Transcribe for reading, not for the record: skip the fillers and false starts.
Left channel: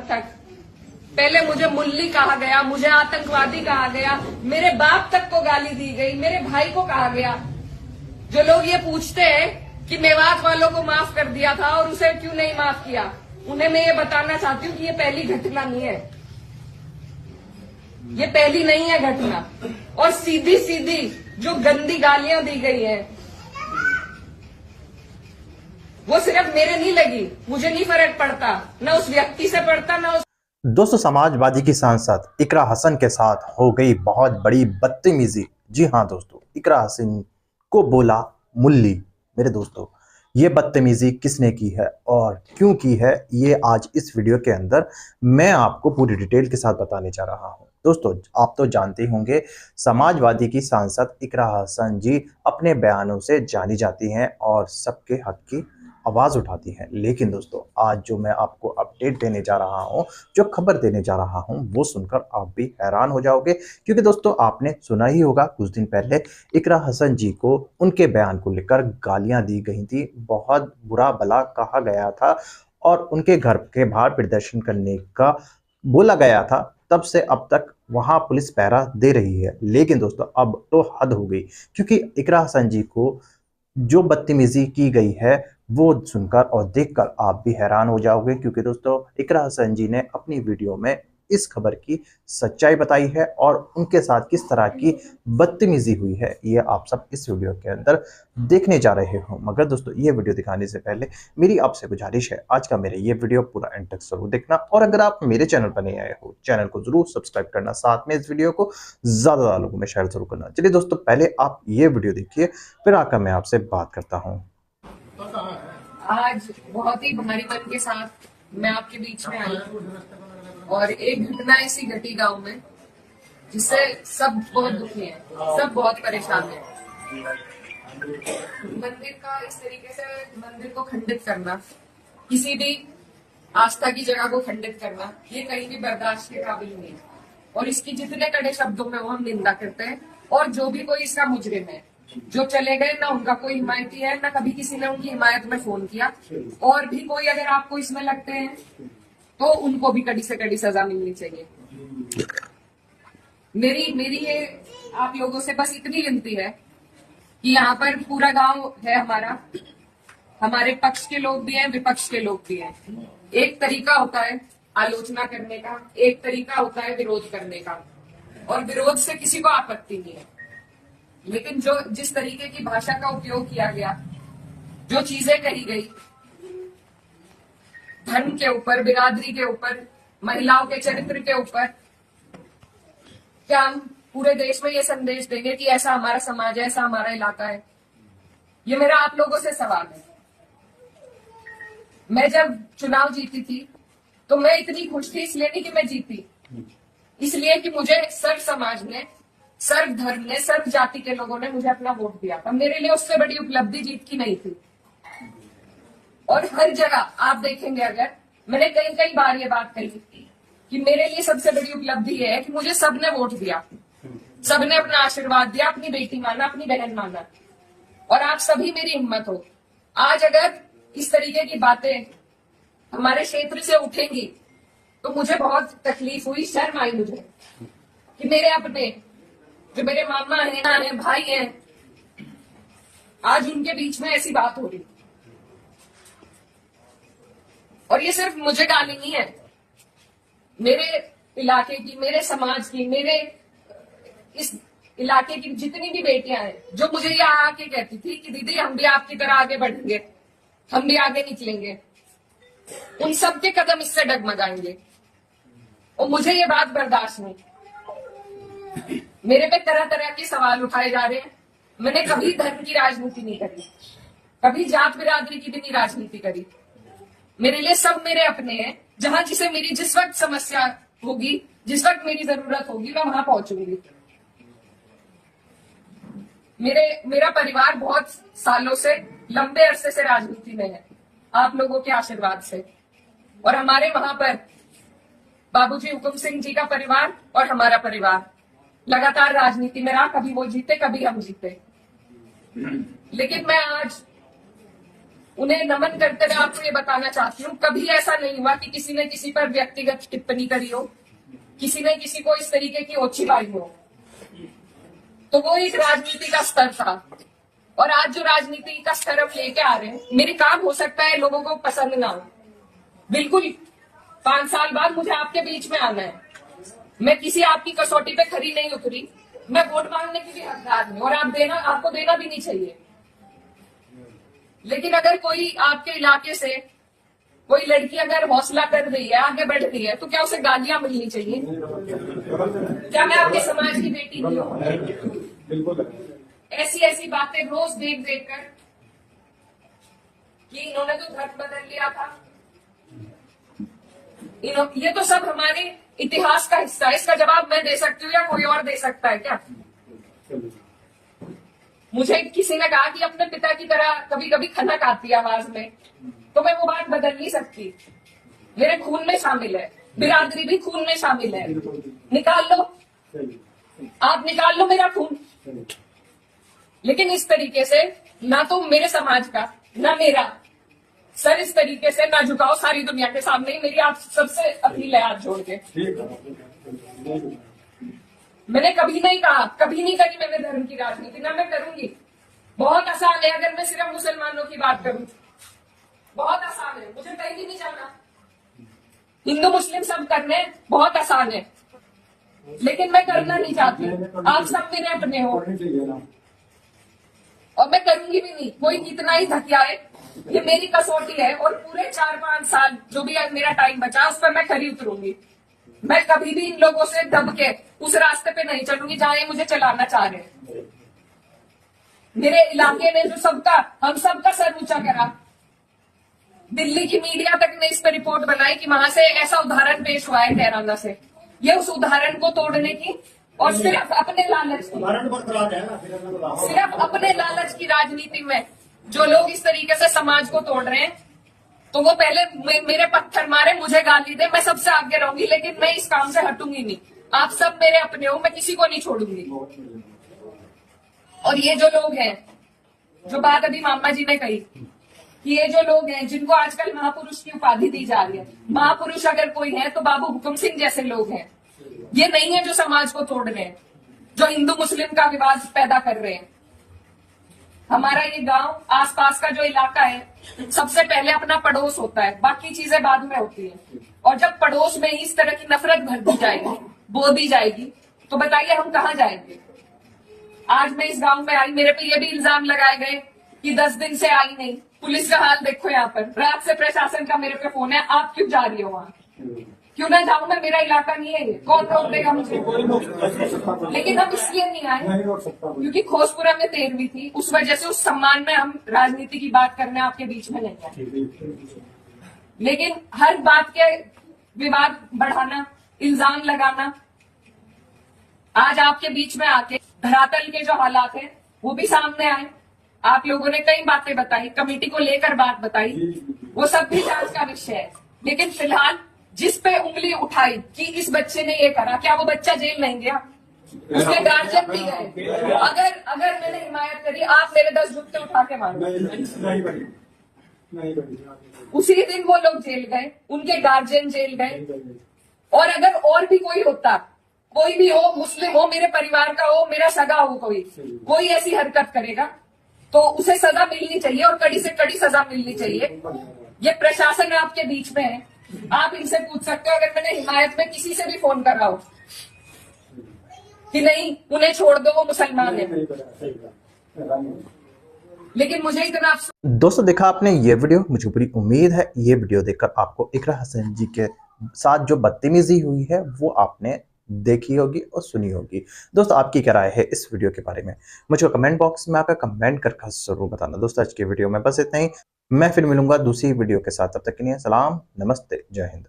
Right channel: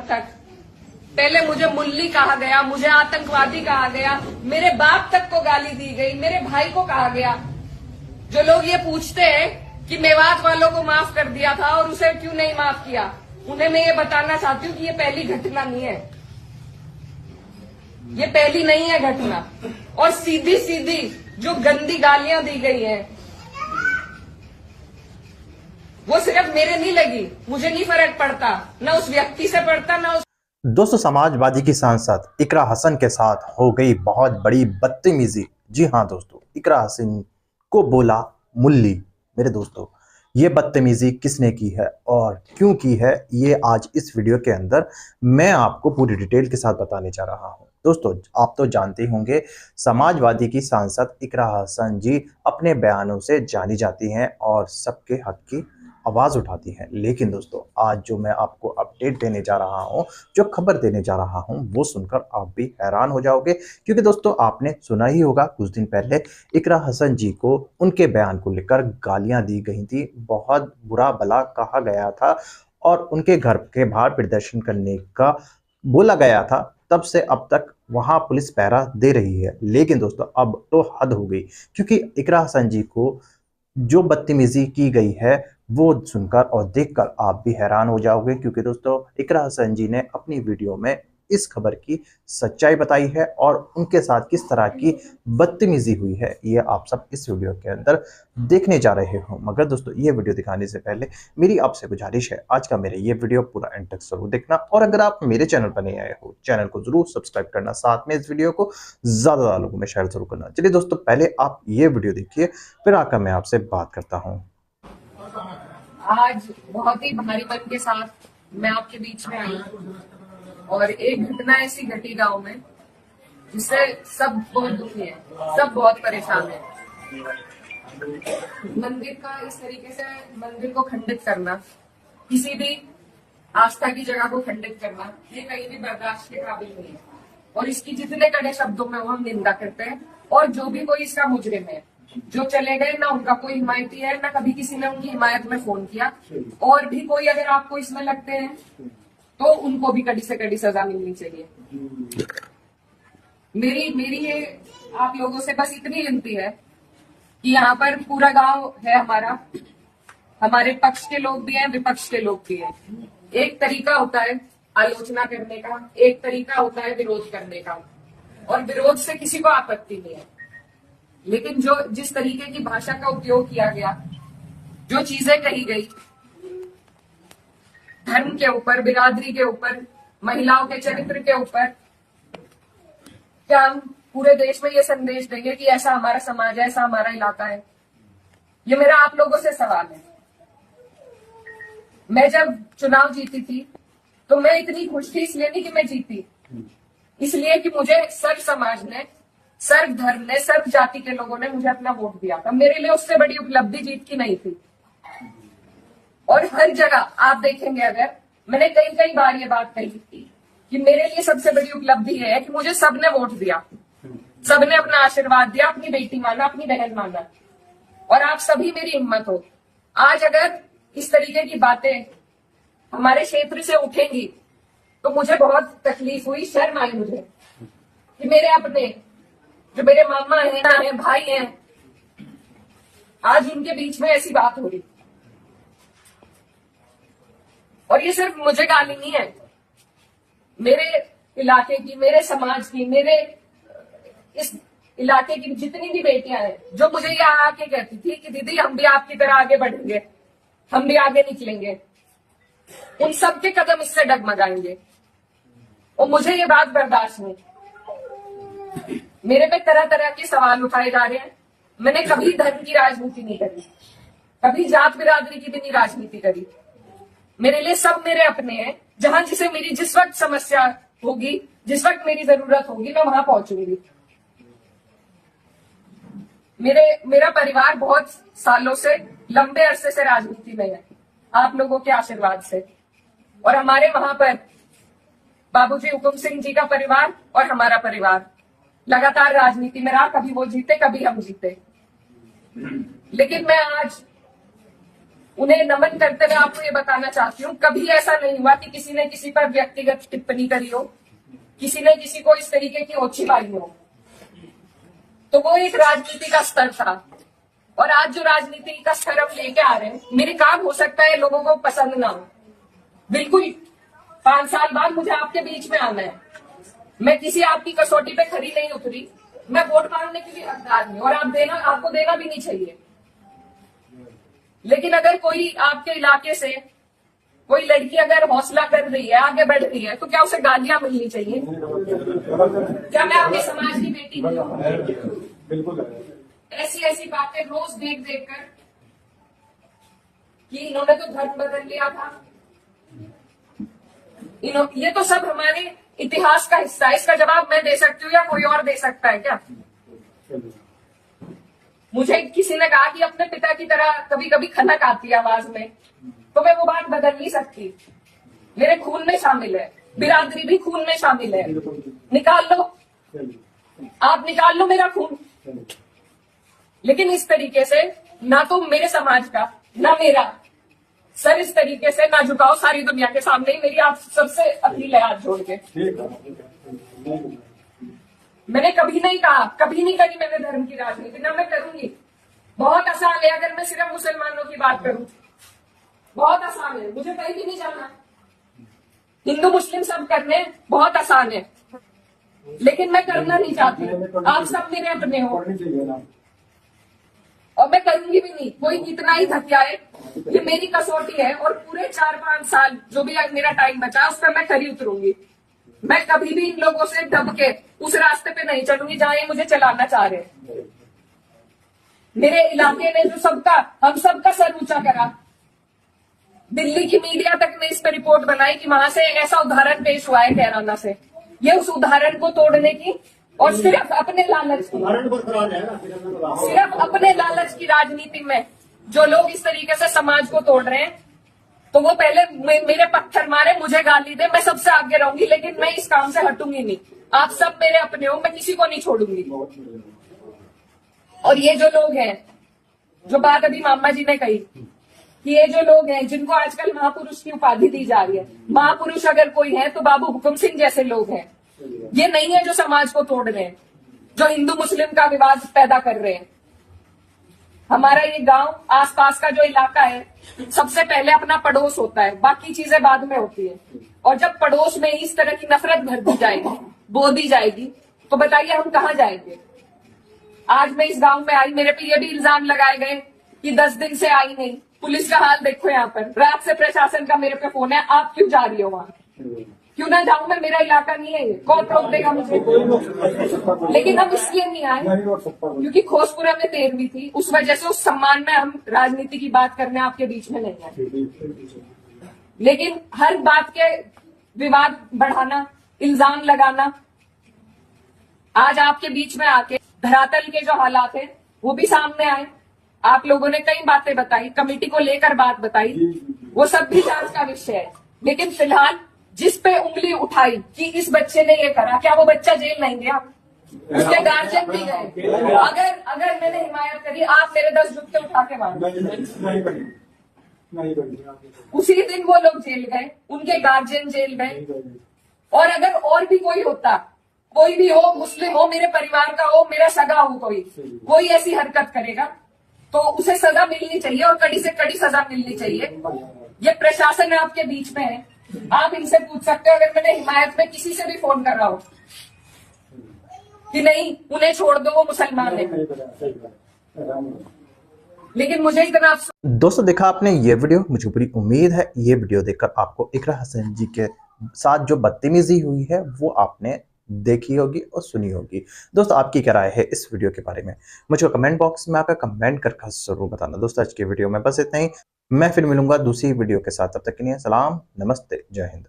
तक पहले मुझे मुल्ली कहा गया, मुझे आतंकवादी कहा गया, मेरे बाप तक को गाली दी गई, मेरे भाई को कहा गया। जो लोग ये पूछते हैं कि मेवात वालों को माफ कर दिया था और उसे क्यों नहीं माफ किया, उन्हें मैं ये बताना चाहती हूँ कि ये पहली घटना नहीं है, ये पहली नहीं है घटना। और सीधी सीधी जो गंदी गालियां दी गई हैं वो सिर्फ मेरे नहीं लगी, मुझे नहीं फर्क पड़ता, न उस व्यक्ति से पड़ता न उस। दोस्तों, समाजवादी की सांसद इकरा हसन के साथ हो गई बहुत बड़ी बदतमीजी। जी हाँ दोस्तों, इकरा हसन को बोला मुल्ली। मेरे दोस्तों, ये बदतमीजी किसने की है और क्यों की है, ये आज इस वीडियो के अंदर मैं आपको पूरी डिटेल के साथ बताने जा रहा हूं। दोस्तों, आप तो जानते ही होंगे, समाजवादी की सांसद इकरा हसन जी अपने बयानों से जानी जाती हैं और सबके हक की आवाज उठाती हैं। लेकिन दोस्तों, आज जो मैं आपको अपडेट देने जा रहा हूं, जो खबर देने जा रहा हूं, वो सुनकर आप भी हैरान हो जाओगे। क्योंकि दोस्तों, आपने सुना ही होगा, कुछ दिन पहले इकरा हसन जी को उनके बयान को लेकर गालियां दी गई थी, बहुत बुरा भला कहा गया था और उनके घर के बाहर प्रदर्शन करने का बोला गया था। तब से अब तक वहां पुलिस पहरा दे रही है। लेकिन दोस्तों, अब तो हद हो गई, क्योंकि इकरा हसन जी को जो बदतमीजी की गई है वो सुनकर और देखकर आप भी हैरान हो जाओगे। क्योंकि दोस्तों, इकरा हसन जी ने अपनी वीडियो में इस खबर की सच्चाई बताई है और उनके साथ किस तरह की बदतमीजी हुई है, ये आप सब इस वीडियो के अंदर देखने जा रहे हो। मगर दोस्तों, ये वीडियो दिखाने से पहले मेरी आपसे गुजारिश है, आज का मेरे ये वीडियो पूरा एंड तक जरूर देखना। और अगर आप मेरे चैनल पर नए आए हो, चैनल को जरूर सब्सक्राइब करना, साथ में इस वीडियो को ज्यादा लोगों में शेयर जरूर करना। चलिए दोस्तों, पहले आप ये वीडियो देखिए, फिर आकर मैं आपसे बात करता हूँ। आज बहुत ही भारी मन के साथ मैं आपके बीच में आई और एक घटना ऐसी घटी गांव में जिससे सब बहुत दुखी है, सब बहुत परेशान है। मंदिर का इस तरीके से मंदिर को खंडित करना, किसी भी आस्था की जगह को खंडित करना, ये कहीं भी बर्दाश्त के काबिल नहीं है। और इसकी जितने कड़े शब्दों में वो हम निंदा करते हैं। और जो भी कोई इसका मुजरिम है, जो चले गए, ना उनका कोई हिमायती है, ना कभी किसी ने उनकी हिमायत में फोन किया। और भी कोई अगर आपको इसमें लगते हैं तो उनको भी कड़ी से कड़ी सजा मिलनी चाहिए। मेरी ये आप लोगों से बस इतनी विनती है कि यहाँ पर पूरा गांव है हमारा, हमारे पक्ष के लोग भी हैं, विपक्ष के लोग भी हैं। एक तरीका होता है आलोचना करने का, एक तरीका होता है विरोध करने का, और विरोध से किसी को आपत्ति नहीं है। लेकिन जो जिस तरीके की भाषा का उपयोग किया गया, जो चीजें कही गई धर्म के ऊपर, बिरादरी के ऊपर, महिलाओं के चरित्र के ऊपर, क्या हम पूरे देश में ये संदेश देंगे कि ऐसा हमारा समाज है, ऐसा हमारा इलाका है? ये मेरा आप लोगों से सवाल है। मैं जब चुनाव जीती थी तो मैं इतनी खुश थी, इसलिए नहीं कि मैं जीती, इसलिए कि मुझे सर्व समाज ने, सर्व धर्म ने, सर्व जाति के लोगों ने मुझे अपना वोट दिया था। मेरे लिए उससे बड़ी उपलब्धि जीत की नहीं थी। और हर जगह आप देखेंगे, अगर मैंने कई बार ये बात कही कि मेरे लिए सबसे बड़ी उपलब्धि है कि मुझे सबने वोट दिया, सबने अपना आशीर्वाद दिया, अपनी बेटी माना, अपनी बहन माना, और आप सभी मेरी हिम्मत हो। आज अगर इस तरीके की बातें हमारे क्षेत्र से उठेंगी तो मुझे बहुत तकलीफ हुई, शर्म आई मुझे कि मेरे अपने, जो मेरे मामा हैं, भाई हैं, आज उनके बीच में ऐसी बात हो रही। और ये सिर्फ मुझे गाली नहीं है, मेरे इलाके की, मेरे समाज की, मेरे इस इलाके की जितनी भी बेटियां हैं, जो मुझे यहाँ आके कहती थी कि दीदी हम भी आपकी तरह आगे बढ़ेंगे, हम भी आगे निकलेंगे, उन सब के कदम इससे डगमगाएंगे। और मुझे ये बात बर्दाश्त नहीं। मेरे पे तरह तरह के सवाल उठाए जा रहे हैं। मैंने कभी धर्म की राजनीति नहीं करी, कभी जात बिरादरी की भी नहीं राजनीति करी। मेरे लिए सब मेरे अपने हैं। जहां जिसे मेरी जिस वक्त समस्या होगी, जिस वक्त मेरी जरूरत होगी, मैं वहां पहुंचूंगी। मेरा परिवार बहुत सालों से, लंबे अरसे से राजनीति में है, आप लोगों के आशीर्वाद से। और हमारे वहां पर बाबूजी हुकुम सिंह जी का परिवार और हमारा परिवार लगातार राजनीति में रहा। कभी वो जीते, कभी हम जीते। लेकिन मैं आज उन्हें नमन करते हुए आपको ये बताना चाहती हूँ, कभी ऐसा नहीं हुआ कि किसी ने किसी पर व्यक्तिगत टिप्पणी करी हो, किसी ने किसी को इस तरीके की ओछी पाई हो। तो वो एक राजनीति का स्तर था, और आज जो राजनीति का स्तर हम लेके आ रहे हैं, मेरे काम हो सकता है लोगों को पसंद ना हो, बिल्कुल 5 साल बाद मुझे आपके बीच में आना है, मैं किसी आपकी कसौटी पे खरी नहीं उतरी, मैं वोट मांगने की भी हकदार हूं, और आपको देना भी नहीं चाहिए। लेकिन अगर कोई आपके इलाके से कोई लड़की अगर हौसला कर रही है, आगे बढ़ रही है, तो क्या उसे गालियां मिलनी चाहिए? क्या मैं आपके समाज की बेटी नहीं हूं? ऐसी ऐसी बातें रोज देख देख कर कि इन्होंने तो धर्म बदल लिया था, ये तो सब हमारे इतिहास का हिस्सा है। इसका जवाब मैं दे सकती हूँ या कोई और दे सकता है क्या? मुझे किसी ने कहा कि अपने पिता की तरह कभी कभी खनक आती है आवाज में, तो मैं वो बात बदल नहीं सकती। मेरे खून में शामिल है, बिरादरी भी खून में शामिल है। निकाल लो, आप निकाल लो मेरा खून, लेकिन इस तरीके से ना तो मेरे समाज का ना मेरा सर इस तरीके से ना झुकाओ सारी दुनिया के सामने ही। मेरी आप सबसे अपील है हाथ जोड़ के। मैंने कभी नहीं कहा, कभी नहीं करी मैंने धर्म की राजनीति, ना मैं करूंगी। बहुत आसान है अगर मैं सिर्फ मुसलमानों की बात करूं, बहुत आसान है, मुझे कहीं भी नहीं जाना। हिंदू मुस्लिम सब करने बहुत आसान है, लेकिन मैं करना नहीं चाहती। आप सब मेरे अपने हो और मैं करूंगी भी नहीं। कोई कितना ही धकियाए, ये मेरी कसौटी है, और पूरे 4-5 साल जो भी मेरा टाइम बचा उस पर मैं खरी उतरूंगी। मैं कभी भी इन लोगों से दब के उस रास्ते पे नहीं चलूंगी जहां ये मुझे चलाना चाह रहे हैं। मेरे इलाके ने जो हम सबका सर ऊंचा करा, दिल्ली की मीडिया तक ने इस पर रिपोर्ट बनाई कि वहां से ऐसा उदाहरण पेश हुआ है कैराना से। ये उस उदाहरण को तोड़ने की और सिर्फ अपने लालच की राजनीति में जो लोग इस तरीके से समाज को तोड़ रहे हैं, तो वो पहले मेरे पत्थर मारे, मुझे गाली दे, मैं सबसे आगे रहूंगी, लेकिन मैं इस काम से हटूंगी नहीं। आप सब मेरे अपने हो, मैं किसी को नहीं छोड़ूंगी। और ये जो लोग हैं, जो बात अभी मामा जी ने कही कि ये जो लोग हैं जिनको आजकल महापुरुष की उपाधि दी जा रही है, महापुरुष अगर कोई है तो बाबू हुकुम सिंह जैसे लोग हैं। ये नहीं है जो समाज को तोड़ रहे हैं, जो हिंदू मुस्लिम का विवाद पैदा कर रहे हैं। हमारा ये गांव, आसपास का जो इलाका है, सबसे पहले अपना पड़ोस होता है, बाकी चीजें बाद में होती है। और जब पड़ोस में इस तरह की नफरत भर दी जाएगी, बो दी जाएगी, तो बताइए हम कहाँ जाएंगे? आज मैं इस गांव में आई, मेरे पे ये भी इल्जाम लगाए गए कि 10 दिन से आई नहीं। पुलिस का हाल देखो यहाँ पर, रात से प्रशासन का मेरे पे फोन है, आप क्यों जा रही हो वहां? क्यों ना जाऊं मैं? मेरा इलाका नहीं है, कौन रोक देगा मुझे? लेकिन हम इसलिए नहीं आए क्योंकि खोजपुरा में 13वीं थी, उस वजह से उस सम्मान में हम राजनीति की बात करने आपके बीच में नहीं आए। लेकिन हर बात के विवाद बढ़ाना, इल्जाम लगाना, आज आपके बीच में आके धरातल के जो हालात है वो भी सामने आए। आप लोगों ने कई बातें बताई, कमेटी को लेकर बात बताई, वो सब भी जांच का विषय है। लेकिन फिलहाल जिस पे उंगली उठाई कि इस बच्चे ने ये करा, क्या वो बच्चा जेल नहीं गया? उसके गार्जियन भी गए। अगर मैंने हिमायत करी, आप मेरे 10 जुत्ते उठा के मारो। उसी दिन वो लोग जेल गए, उनके गार्जियन जेल गए। और अगर और भी कोई होता, कोई भी हो, मुस्लिम हो, मेरे परिवार का हो, मेरा सगा हो, कोई ऐसी हरकत करेगा तो उसे सजा मिलनी चाहिए, और कड़ी से कड़ी सजा मिलनी चाहिए। ये प्रशासन आपके बीच में है, आप इनसे पूछ सकते हो। अगर मैंने हिमायत में किसी से भी फोन कर रहा हो कि नहीं उन्हें छोड़ दो, वो मुसलमान है, लेकिन मुझे इतना। दोस्तों देखा आपने ये वीडियो, मुझे पूरी उम्मीद है ये वीडियो देखकर आपको इकरा हसन जी के साथ जो बदतमीजी हुई है वो आपने देखी होगी और सुनी होगी। दोस्तों आपकी क्या राय है इस वीडियो के बारे में, मुझे कमेंट बॉक्स में आकर कमेंट करके जरूर बताना। दोस्तों आज की वीडियो में बस इतना ही, मैं फिर मिलूंगा दूसरी वीडियो के साथ। तब तक के लिए सलाम, नमस्ते, जय हिंद।